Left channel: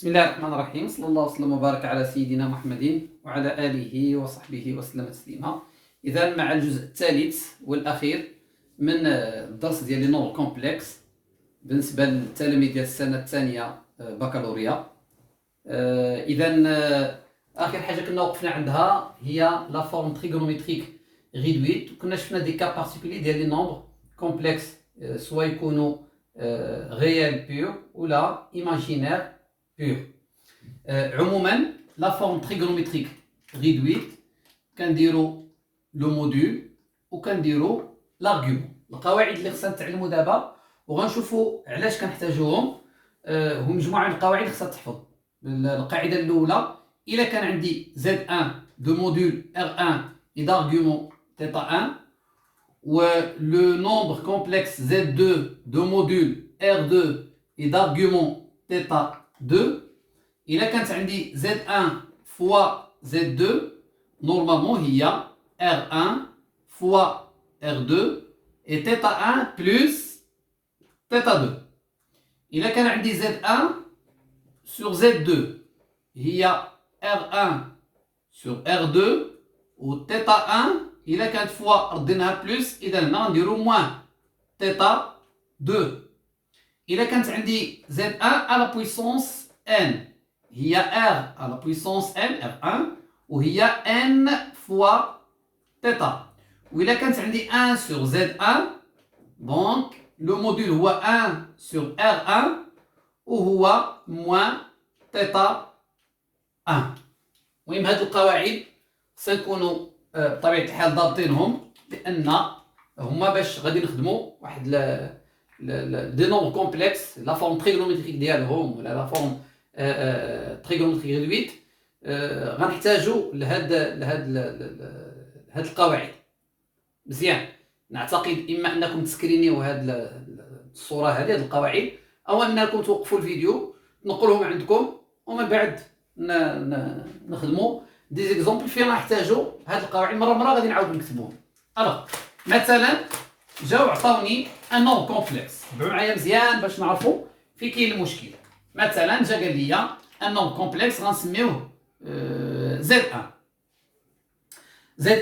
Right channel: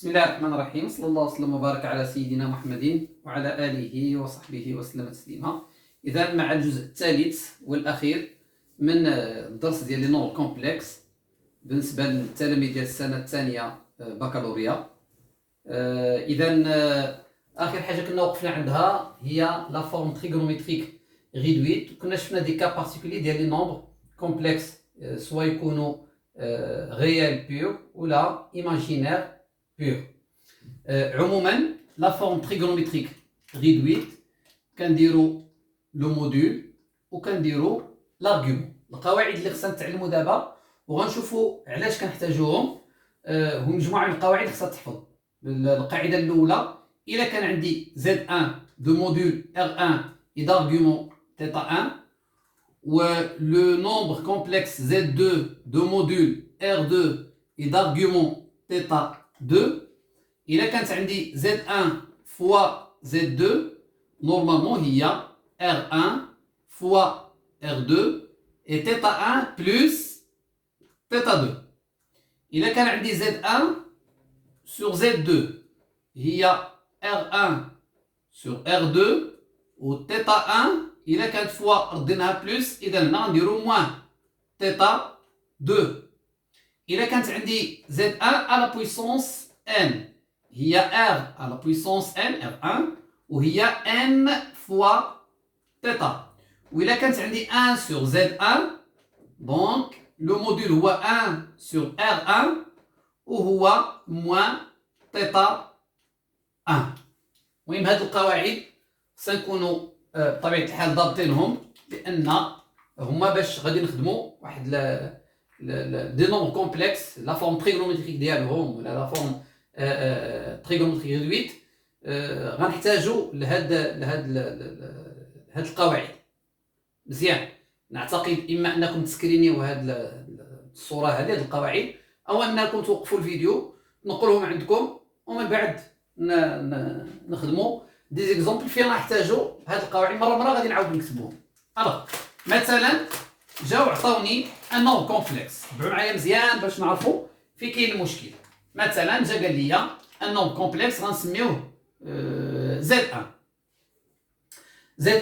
بسم الله الرحمن الرحيم. صلى الله وسلم وبارك على سيدنا محمد وعلى آله وصحبه وسلم تسليما. إذا مع الجزء الثالث والأخير من الدرس ديال لي نومبر كومبلكس بالنسبة للتلاميذ ديال السنة الثانية بكالوريا. إذا آخر حاجة كنا وقفنا عندها هي لا فورم تريغونومتريك ريدويت، وكنا شفنا دي كا بارتيكولي ديال لي نومبر كومبلكس سوا يكونوا ريال بيور ولا ايماجينير بيور. عموما لا فورم تريغونومتريك ريدويت كنديروا لو موديول وكنديروا لارغيومون. القواعد اللي خصنا نتعلموا دابا وغنشوفوا علاش كنحتاجوهم. هم مجموعه من القواعد خصها تحفظ. القاعده الاولى، الا كان عندي Z1 دو موديول R1 et d'argument θ1 و le nombre complexe Z2 de module R2 et d'argument θ2. إلا كانت عندي Z1 fois Z2 normalement هي R1 fois R2 et θ1 plus θ2. إلا كان عندي Z1 sur Z2 هي R1 sur R2 و θ1 إلا كانت فوا رديناها بلس، إذا هنا غنديرو موان θ2. إلا كانت عندي Z1 à la puissance n هي R à la puissance n R1 وهي n fois θ. وإلا كانت عندي 1 sur Z1 donc le module هو 1 sur R1 وهو موان θ1. المهم هاد القواعد سنكونوا بطبيعة الحال ضابطينهم، لأن هما باش غادي نخدموا واحد دي نومبر كومبلكس لا فورم تريغونومتريك ديالهم ولا لا فورم تريغونومتريك ريدويت. غنحتاجوا لهاد القواعد مزيان. نعتقد إما أنكم تسكرينيو هاد الصورة هذه هاد القواعد، أو أنكم توقفوا الفيديو تنقلوهم عندكم ومن بعد نخدموا دي زيكزامبل فين نحتاجوا هاد القواعد مره غادي نعاود نكتبوهم. الوغ مثلا جاو عطاوني ان نومبر كومبلكس، تبعوا معايا مزيان باش نعرفوا فين كاين المشكل. مثلا جا قال لي ان نومبر كومبلكس غنسميوه Z1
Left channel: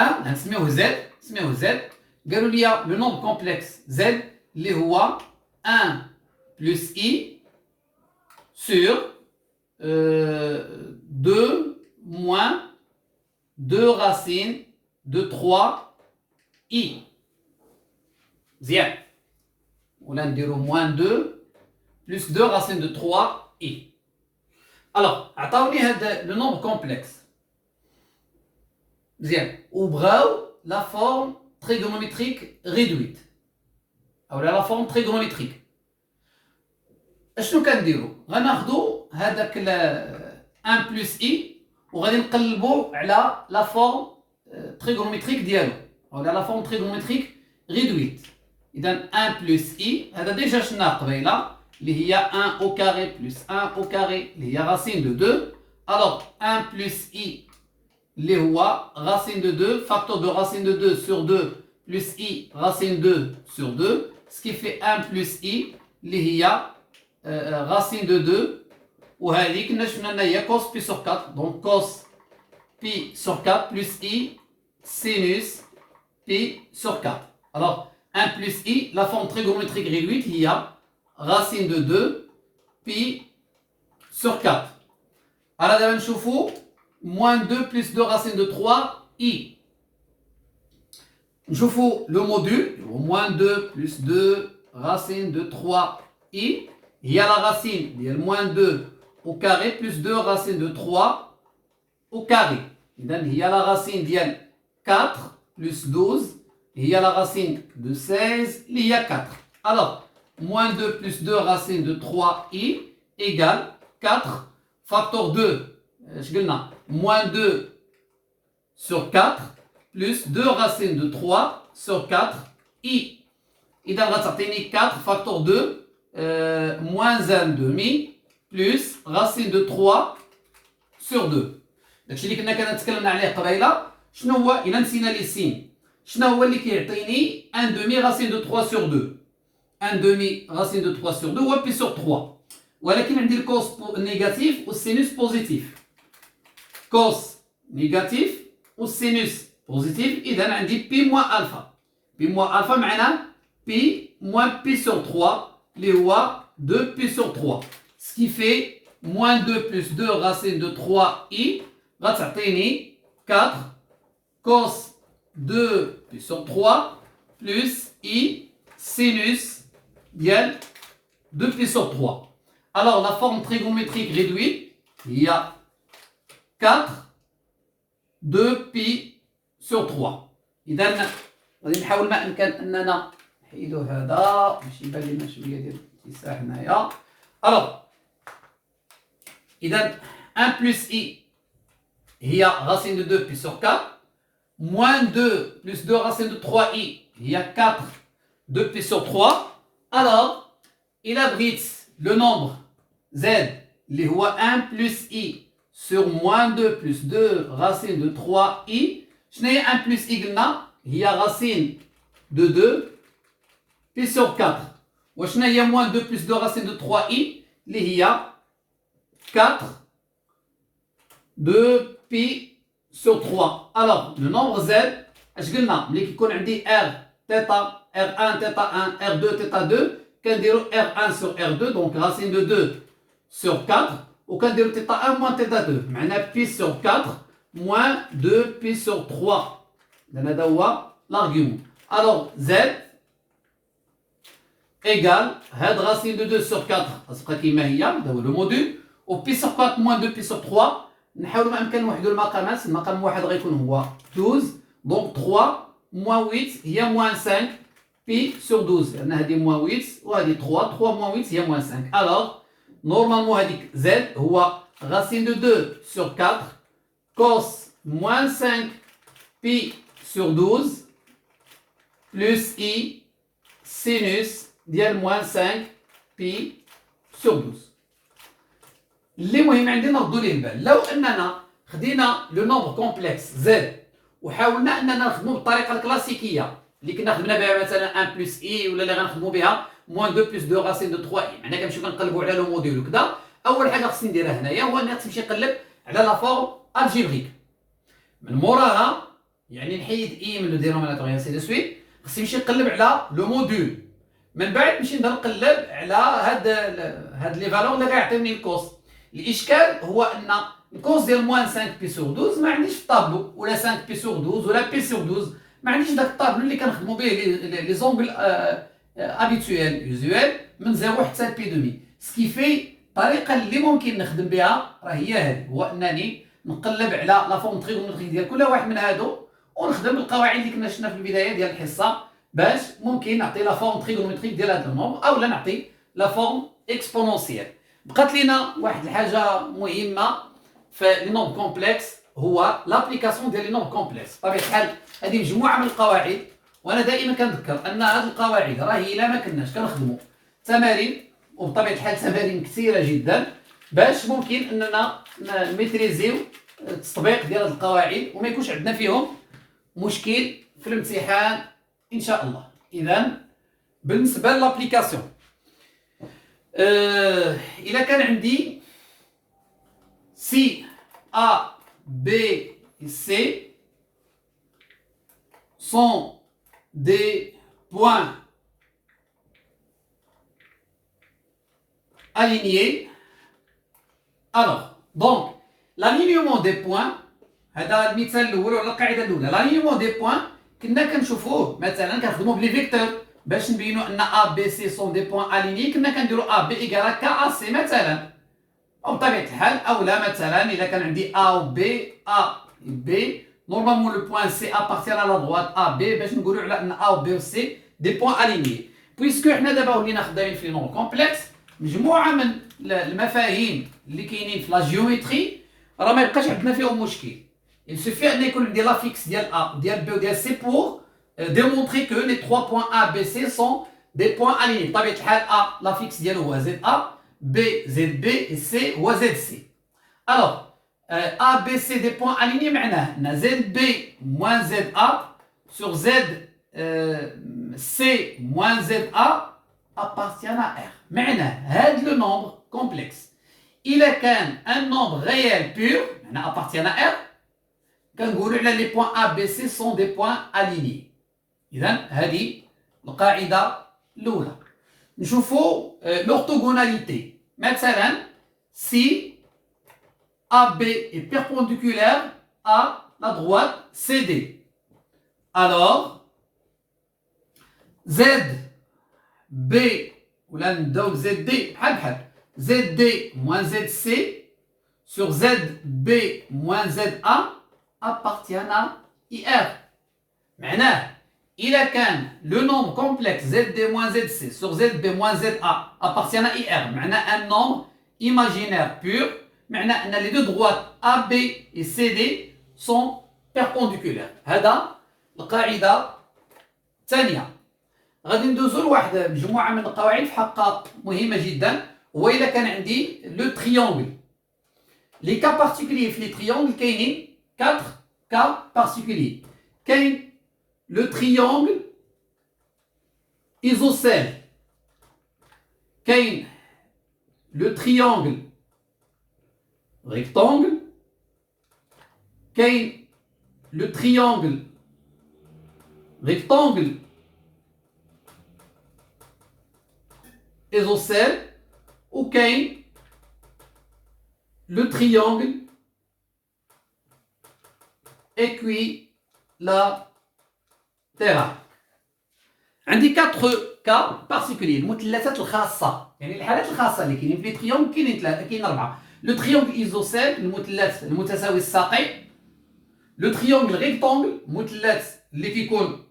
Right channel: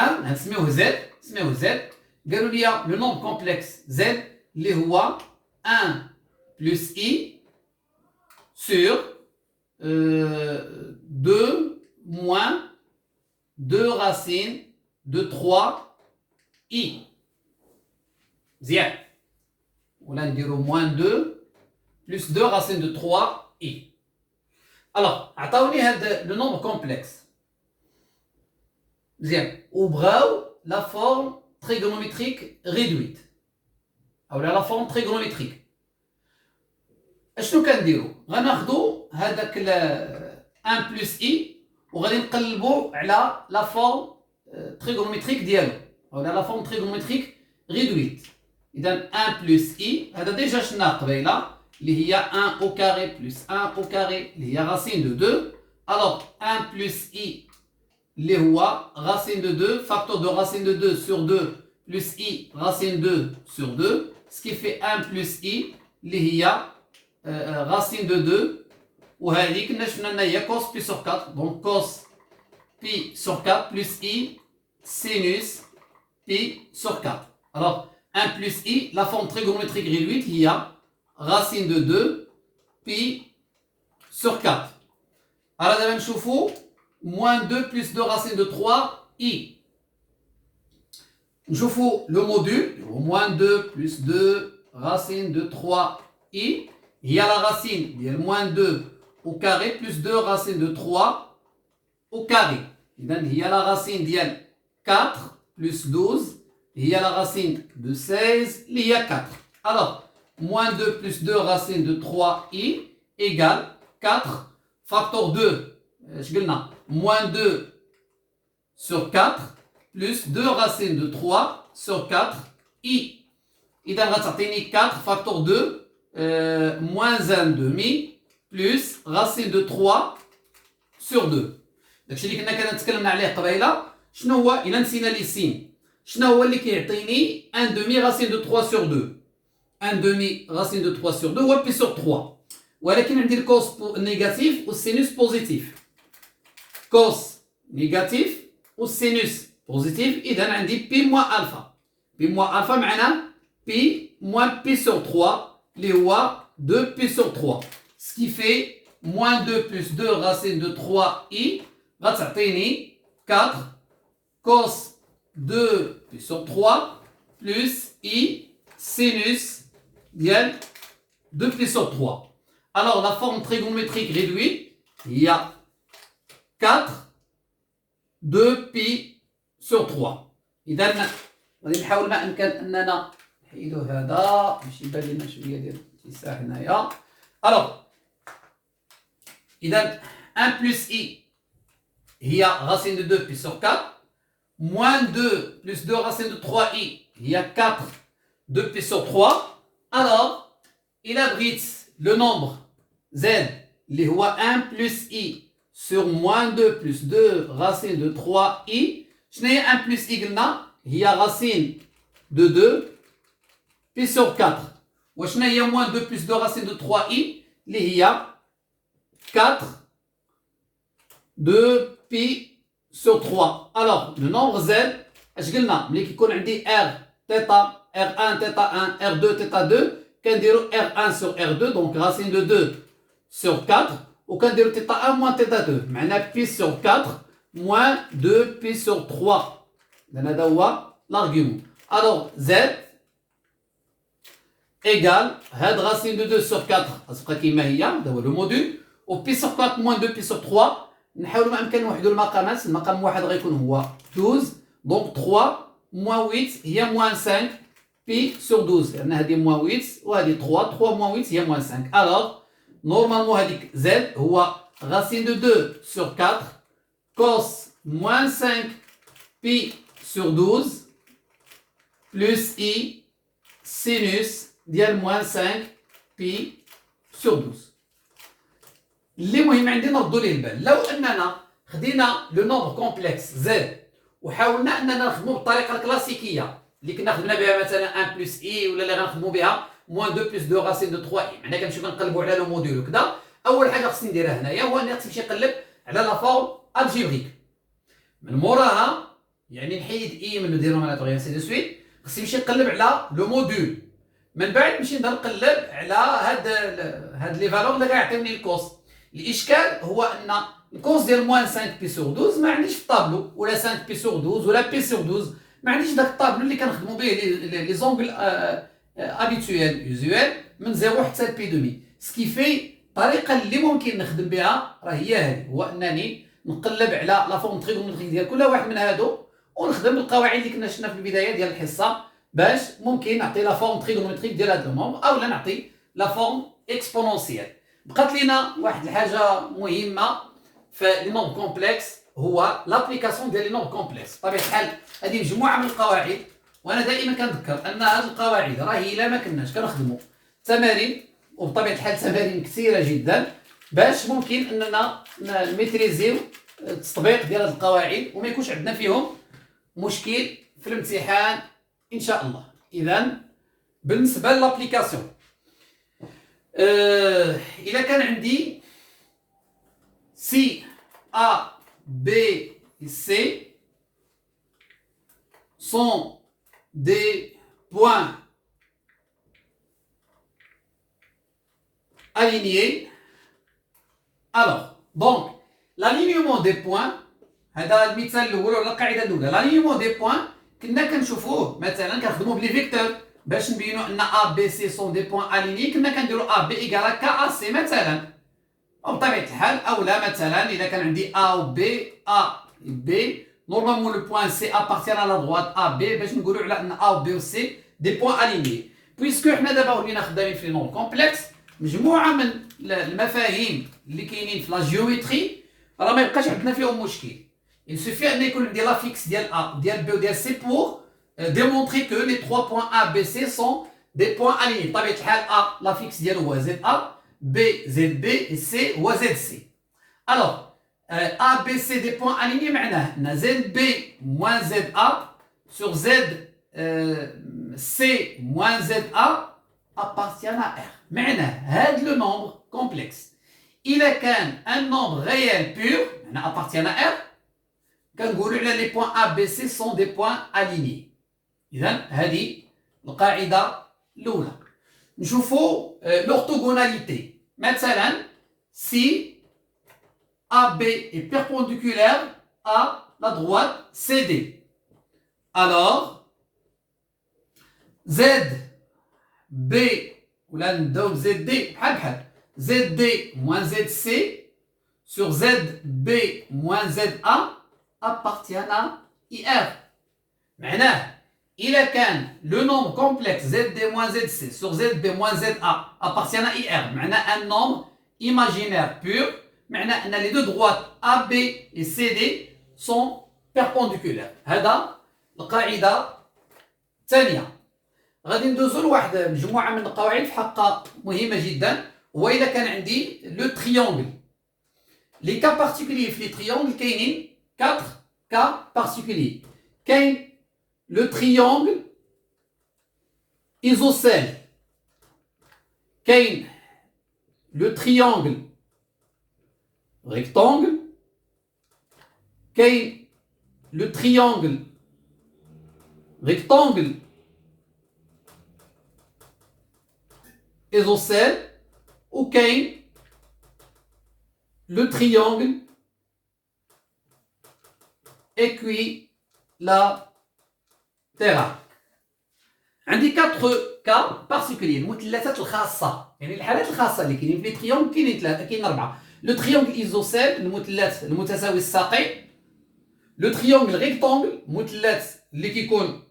غنسميوه Z. قالوا لي لو نومبر كومبلكس Z اللي هو 1 plus I sur 2 moins 2 racines de 3i. مزيان. ولا نديرو moins 2 plus 2 racines de 3i. alors عطاوني هاد لو نومبر كومبلكس مزيان وبغاو لا فورم تريغونومتريك ريدويت او لا فورم تريغونومتريك. اشنو كنديرو؟ غناخدو هذاك 1 plus i وغادي نقلبو على لا فورم تريغونومتريك ديالو او لا فورم تريغونومتريك ريدويت. اذا 1 plus i هذا ديجا شفناه قبيله اللي هي 1 au carré plus 1 au carré اللي هي racine de 2. alors 1 plus i اللي هو racine de 2 facteur de racine de 2 sur 2 plus i racine 2 sur 2 ce qui fait 1 plus i اللي هي racine de 2. وهذه كنا شفنا انها هي cos pi sur 4 donc cos pi sur 4 plus i sinus pi sur 4. alors 1 plus i la forme trigonométrique réduite هي racine de 2 pi sur 4. alors دابا نشوفوا moins 2 plus 2 racine de 3 i. نشوفوا le module moins 2 plus 2 racine de 3 i هي la racine ديال moins 2 au carré plus 2 racine de 3 au carré. إذن هي la racine ديال 4 plus 12 هي la racine de 16 اللي هي 4. alors moins 2 plus 2 racine de 3i égale 4 facteur 2 اش قلنا moins 2 sur 4 plus 2 racine de 3 sur 4i. إذا غتعطيني 4 facteur 2 moins 1 demi plus racine de 3 sur 2. داكشي اللي كنا تكلمنا عليه قبيله. شنو هو الا نسينا لي سين؟ شنو هو اللي كيعطيني 1 demi racine de 3 sur 2؟ 1 demi racine de 3 sur 2 هو بي sur 3. ولكن عندي الكوس نيجاتيف والسينوس بوزيتيف. كوس نيجاتيف والسينوس بوزيتيف، إذا عندي بي موان ألفا. بي موان ألفا معناه بي موان بي سور 3 اللي هو 2 بي سور 3. سكي في موان 2 بلس 2 راسين دو 3 إي غتعطيني 4 كوس 2 بي سور 3 بلس إي سينوس ديال 2 بي سور 3. Alors la forme trigonométrique réduite, il y a 4 2 pi sur 3. إذا غادي نحاول ما أمكن أننا نحيدو هذا باش يبان لنا شوية ديال الاتساع هنايا. Alors إذا 1 plus i هي racine de 2 pi sur 4 moins 2 plus 2 racine de 3i هي 4 2 pi sur 3. Alors il abrite le nombre z اللي هو 1 plus i sur moins 2 plus 2 racine de 3i. شنو هي 1 plus i قلنا هي racine de 2 pi sur 4. وشنو هي moins 2 plus 2 racine de 3i اللي هي 4 2 pi sur 3. Alors le nombre z اش قلنا ملي كيكون عندي r θ r1 θ1 r2 θ2 كنديرو r1 sur r2 donc racine de 2 sur 4 وكنديرو θ1 moins θ2 معناه pi sur 4 moins 2 pi sur 3. لأن هذا هو l'argument. Alors z égale هاد racine de 2 sur 4 غتبقى كيما هي هذا هو لو موديل و pi sur 4 moins 2 pi sur 3. نحاولوا ما امكن نوحدوا المقامات. المقام واحد غيكون هو 12 donc 3 moins 8 هي moins 5 pi sur 12 لأن هذه moins 8 وهذه 3 3 moins 8 هي moins 5. Alors normalement هذيك z هو racine de 2 sur 4 cos moins 5 pi sur 12 plus i sinus ديال moins 5 pi sur 12. اللي مهم عندي نردوا ليه البال لو اننا خدينا لو نومبر كومبلكس z وحاولنا اننا نخدمو بالطريقه الكلاسيكيه اللي كنا خدمنا بها مثلا 1 بلس اي ولا اللي غنخدمو بها موان 2 بلس 2 راسين دو 3 اي. معناها كنمشيو كنقلبوا على لو موديل وكذا. اول حاجه خصني نديرها هنايا هو اني خصني نمشي نقلب على لا فورم الجبريك. من موراها يعني نحيد اي من لو دينوميناتور اي سي دو سويت. خصني نمشي نقلب على لو موديل. من بعد نمشي نقلب على هاد لي فالور اللي غيعطيوني الكوس. الاشكال هو ان الكوس ديال موان 5 بي سور 12 ما عنديش في الطابلو ولا 5 بي سور 12 ولا بي سور 12. ما عنديش داك الطابلو اللي كنخدموا به لي زونغل ابيتويل يوزوال من 0 حتى بي دومي. سكي في الطريقه اللي ممكن نخدم بها راه هي هذه هو انني نقلب على لا فورم تريغونومتريك ديال كل واحد من هادو ونخدم القواعد اللي كنا شفنا في البدايه ديال الحصه باش ممكن نعطي لا فورم تريغونومتريك ديال هذا النومبر او لا نعطي لا فورم اكسبونونسيال. بقات لينا واحد الحاجه مهمه في لي نومبر كومبلكس هو لابليكاسيون ديال لي نومبر كومبلكس. بطبيعه الحال هذه مجموعه من القواعد وانا دائما كنذكر ان هذه القواعد راهي الا ما كناش كنخدموا تمارين وبطبيعه الحال تمارين كثيره جدا باش ممكن اننا نميتريزيو التطبيق ديال هذه القواعد وما يكونش عندنا فيهم مشكل في الامتحان ان شاء الله. اذا بالنسبه للابليكاسيون الا كان عندي سي ا بي سي sont des points alignés. Alors, donc, l'alignement des points, هذا المثال الأول ولا القاعدة الأولى. l'alignement des points كنا كنشوفوه مثلا كنخدموا بلي فيكتور باش نبينوا أن A B C sont des points alignés. كنا كنديروا A B égale K A C مثلا. وبطبيعة الحال أولا مثلا إذا كان عندي A و B A B normalement le point C appartient à la droite A B باش نقولوا على ان A و B و C des points alignés. puisque حنا دابا ولينا خدامين في نومبر كومبلكس مجموعه من المفاهيم اللي كاينين في لا جيومتري راه ما يبقاش عندنا فيهم مشكل. il suffit ان يكون عندي لا فيكس ديال A وديال B وديال C pour démontrer que les trois points A B C sont des points alignés. بطبيعه الحال A la fixe ديالو هو ZA B ZB et C هو ZC. alors A, B, C des points alignés معناه أن ZB moins ZA sur Z C moins ZA appartient à R. معناه هاد لو نومبر complexe. Il a un nombre réel pur, appartient à R, les points A, B, C sont des points alignés. إذن هذه القاعدة الأولى. نشوفوا l'orthogonalité. مثلا si AB est perpendiculaire à la droite CD, alors ZB ولا نبداو ZD بحال بحال ZD moins ZC sur ZB moins ZA appartiennent à IR. معناه إذا كان le nombre complexe ZD moins ZC sur ZB moins ZA appartient à IR, معناه un nombre imaginaire pur, معناه أن les deux droites AB et CD sont perpendiculaires. هذا القاعدة الثانية. غادي ندوزو لواحد مجموعة من القواعد في حقها مهمة جدا، هو إذا كان عندي لو تريونغل. لي كا بارتيكوليي في لي تريونغل كاينين 4 كا بارتيكوليي. كاين لو تريونغل ايزوسيل، كاين لو تريونغل ريكتونغل، كاين لو تريونغل ريكتونغل ايزوسيل، وكاين لو تريونغل équilatéral. عندي 4 كا بارتيكولي، المثلثات الخاصة، يعني الحالات الخاصة اللي كاينين في لي تريونغل كاينين 4. لو تريونغل ايزوسيل المثلث المتساوي الساقين، لو تريونغل ريكتونغل مثلث اللي كيكون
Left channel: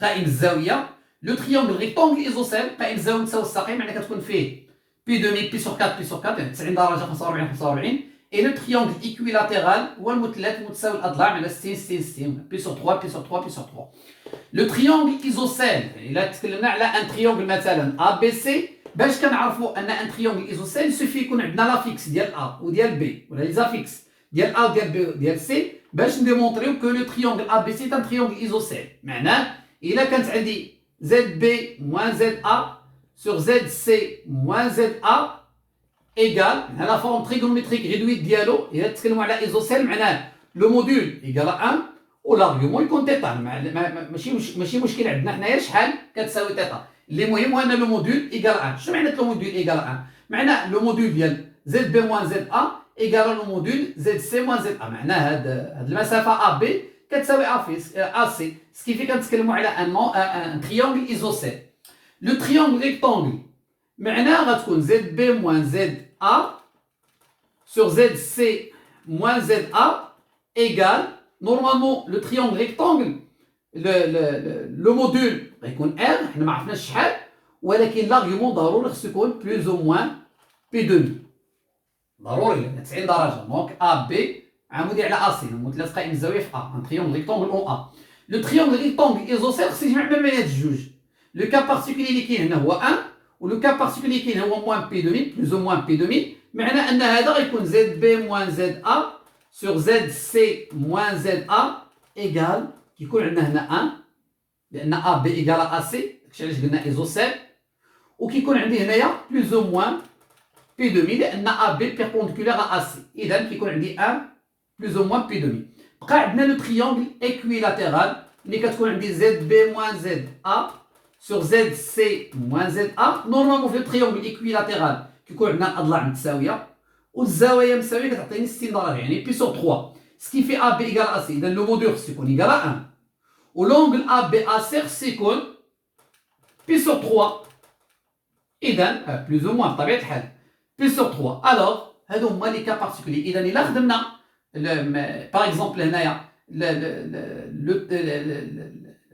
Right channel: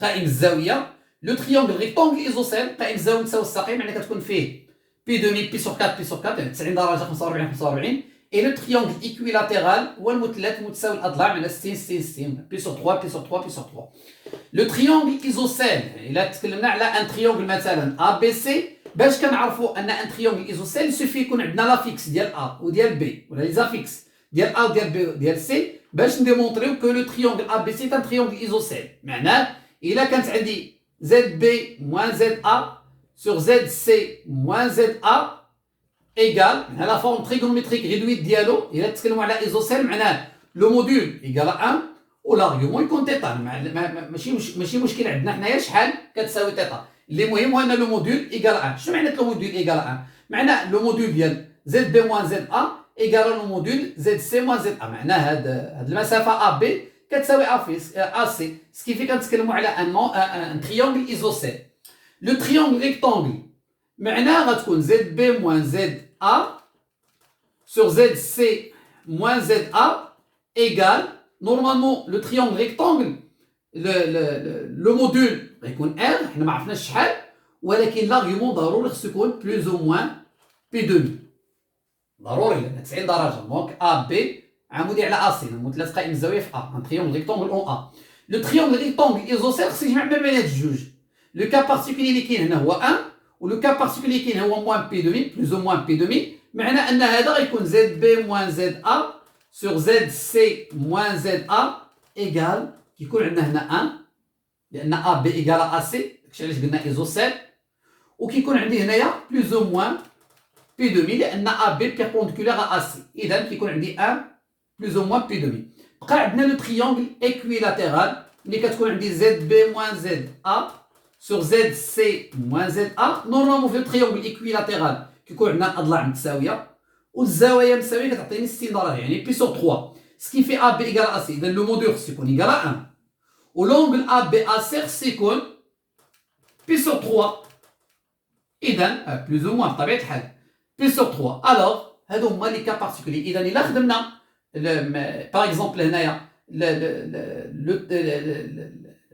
قائم الزاوية، لو تريونغل ريكتونغل ايزوسيل قائم الزاوية متساوي الساقين، معناها كتكون فيه بي دومي بي سور 4 بي سور 4 يعني 90 درجة 45 45. Et le triangle équilatéral هو المثلث متساوي الأضلاع على 60 60 60 بي سور 3 بي سور 3 بي سور 3. لو تريونغل ايزوسيل إلا تكلمنا على ان تريونغل مثلا ا بي سي، باش كنعرفوا ان ان تريونغل ايزوسيل سوفي يكون عندنا لا فيكس ديال ا وديال بي ولا لي زافيكس ديال ا وديال بي وديال سي، باش نديمونطريو كو لو تريونغل ا بي سي ان تريونغل ايزوسيل. معناه إلا كانت عندي زد بي موان زد ا sur ZC moins ZA égale la forme trigonométrique réduite ديالو. إلا تتكلموا على ايزوسيل معناه لو موديول ايكال 1 والارغيومون يكون تيتا. ماشي مشكل عندنا حنايا شحال كتساوي تيتا، اللي مهم هو ان لو موديول ايكال 1. شنو معنى لو موديول ايكال 1؟ معناه لو موديول ديال زد بي موان زد ا ايكال لو موديول زد سي موان زد ا. معناه هاد المسافه ا بي كتساوي ا سي، سكيفي كنتكلموا على ان تريونغل ايزوسيل. لو تريونغل ريكتونغل معناه غتكون زد بي موان زد ا sur زد سي موان زد ا égale نورمالمون لو تريونغل ريكتونغل لو موديول غيكون ار، حنا ما عرفناش شحال، ولكن لاغيومون ضروري خصو يكون بلوز او موان بي دومي، ضروري لان 90 درجه. دونك ا بي عمودي على ا سي، المثلث قائم الزاويه في ا، ان تريونغل ريكتونغل اون ا. لو تريونغل ريكتونغل ايزوسيل خصو يجمع ما بين هاد الجوج. لو كا بارتيكولي اللي كاين هنا هو 1، ولو كا بارتيكولي اللي كاين هو موان بي دومي بلوز او موان بي دومي، معناه ان هذا غيكون زد بي موان زد ا sur زد سي موان زد ا ايكال كيكون عندنا هنا 1 لان ا بي ايكال ا سي، داكشي علاش قلنا ايزوسيل، وكيكون عندي هنايا بلوز او موان بي دومي لان ا بي بيربونديكولار ا سي، اذا كيكون عندي 1 بلوز او موان بي دومي. بقى عندنا لو تريونغل ايكويلاتيرال اللي كتكون عندي زد بي موان زد ا sur ZC moins ZA. نورمالمون في التريونغل ايكويلاتيرال كيكون عندنا الاضلاع متساويه والزوايا مساويه، كتعطيني 60 درجه يعني بي سور 3، سكيفي ا بي ايكال ا سي. اذا لو موديول خصو يكون ايكال 1 ولونغل ا بي ا سي خصو يكون بي سور 3، اذا بلوز او موان بطبيعه الحال بي سور 3. الوغ هادو هما لي كا بارتيكولي. اذا الا خدمنا باغ اكزومبل هنايا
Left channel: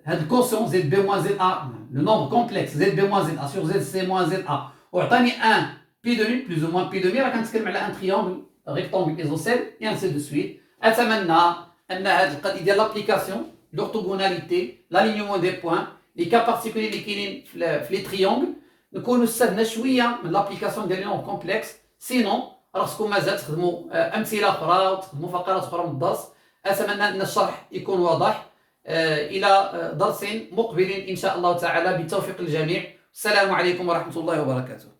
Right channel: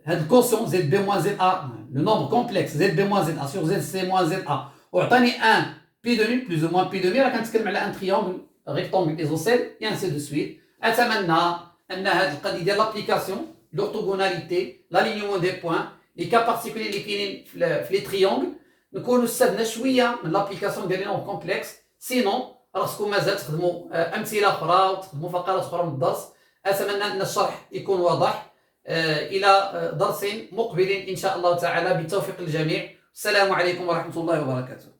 هاد الكوسيون زد بي موان زد ا، لو نومبر كومبلكس زد بي موان زد ا سور زد سي موان زد ا، وعطاني 1 بي دومي بلوز او موان بي دومي، راه كنتكلم على ان تريونغل ريكتونغل ايزوسيل اي انسي دو سويت. اتمنى ان هاد القضيه ديال لابليكاسيون لورتوغوناليتي لالينيومون دي بوين لي كا بارتيكولي اللي كاينين في لي تريونغل نكونوا استفدنا شويه من لابليكاسيون ديال لي نومبر كومبلكس. سينون راسكم مازال تخدموا امثله اخرى وتخدموا فقرات اخرى من الدرس. اتمنى ان الشرح يكون واضح. إلى درس مقبل إن شاء الله تعالى، بالتوفيق للجميع. السلام عليكم ورحمة الله وبركاته.